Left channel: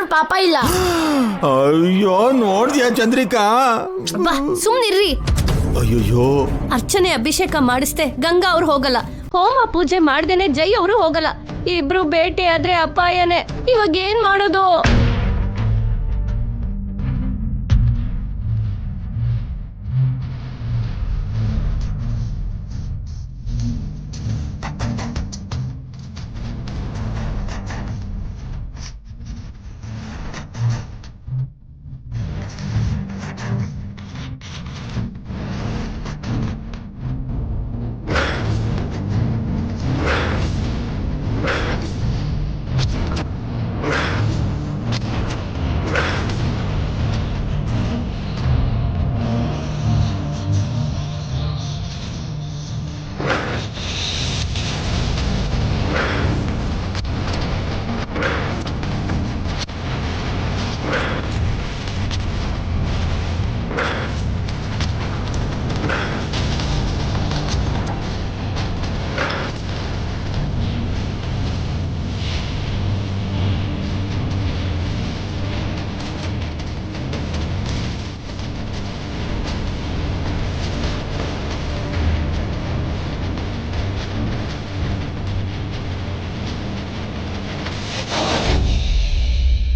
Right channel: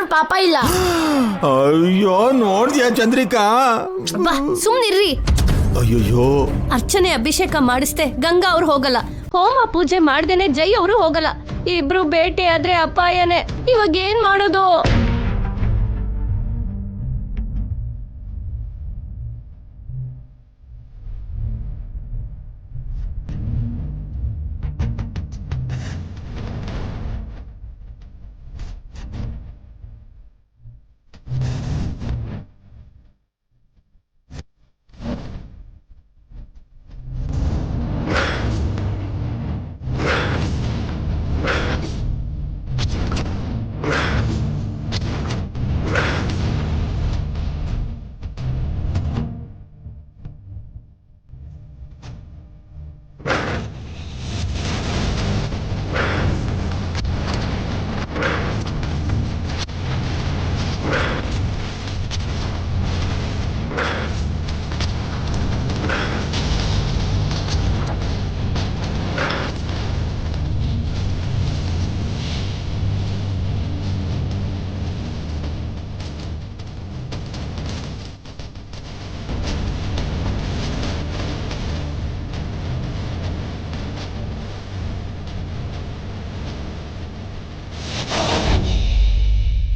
ಮಾಡಿದ್ರು ಪಾಪ ಇಲ್ಲ. ಅಯ್ಯೋ ನೋಡ್ದ್ಯಾ ಚಂದ್ರಿಕಾ? ಸುಮ್ನಿರ್ರಿ. ಅಯ್ಯೋ ಅರ್ಚನೆ ಅಭಿಷೇಕ ಮಾಡಿಸ್ದೆ ಗಂಗಾ ಅವ್ರು ಹೋಗಲ್ಲ, ಹೋಮ ಪೂಜೆ ಮಾಡ್ದೇನೆ ಜೈ ಅವರು ಹೋಗಲ್ಲ. ಇಬ್ರು ಭೇಟಿ ಆದ್ರೆ ಅಪಾಯನೇ. ಇವಾಗ ಏನ್ ಮಾಡೋದು?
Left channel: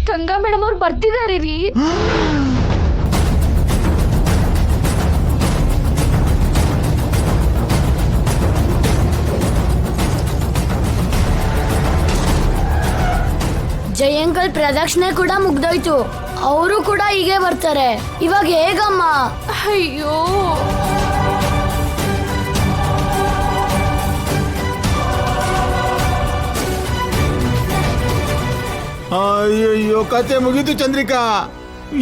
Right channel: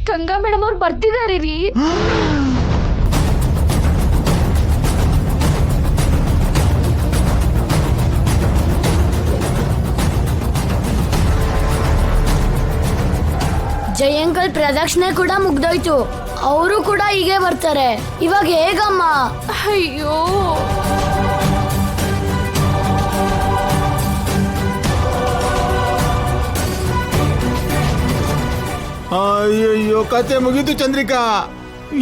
ಗಂಗಾ ಮೇಡಮ್ ಅವ್ರು ಬರ್ತಿದಾರೆ ರೀ. ಜಯಂಕಲ್ ಪ್ರದಕ್ಷಿಣೆ ಕೂಡ ಮುಗ್ದೋಯ್ತು, ಅವರು ಕೂಡ ಹೀಗೆ ಬರ್ತಾರೆ. ಇವಾಗ ಹೇಗಮ್ಮ? ಅಯ್ಯೋ ಅಯ್ಯಯ್ಯೋ ಕತೆ ಮುಗೀತು ಚಂದ್ರಿಕಾ.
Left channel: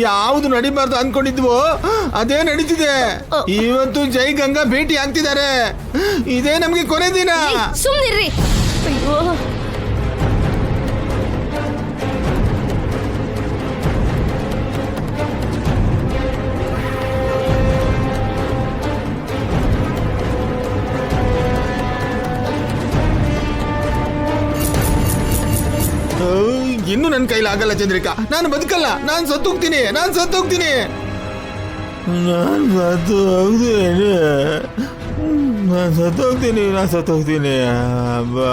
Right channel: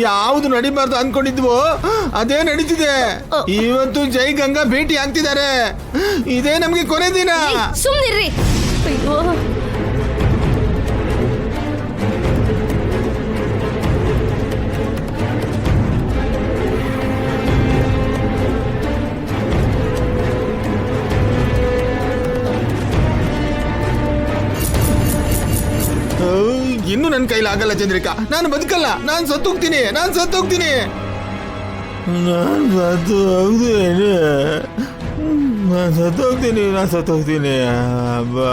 ಯಾವ್ದು ನಡಿಬಾರ್ದು ಅನ್ಕೊಂಡಿದ್ವೋ ಅದೇ ನಡೀತಿದೆ. ಇವತ್ತು ಜೈ ಗಂಗಾ ಭೇಟಿ ಆಗ್ತಿದ್ದಾರೆ. ಇದೇ ನಮ್ಗೆ ಕೊನೆ ದಿನ. ಸುಮ್ನಿರ್ರಿ. ಅಯ್ಯೋ ಇನ್ನು ನನ್ನ ಕೈಲಾಗಲ್ಲ ಚಂದ್ರಿಕಾ. ನಾನು ಬದುಕಲ್ಲ. ನಾನು ಸತ್ತೋಗ್ತೀನಿ. ನಾನು ಸತ್ತೋಗ್ತೀನಿ. ಅಬ್ಬಾ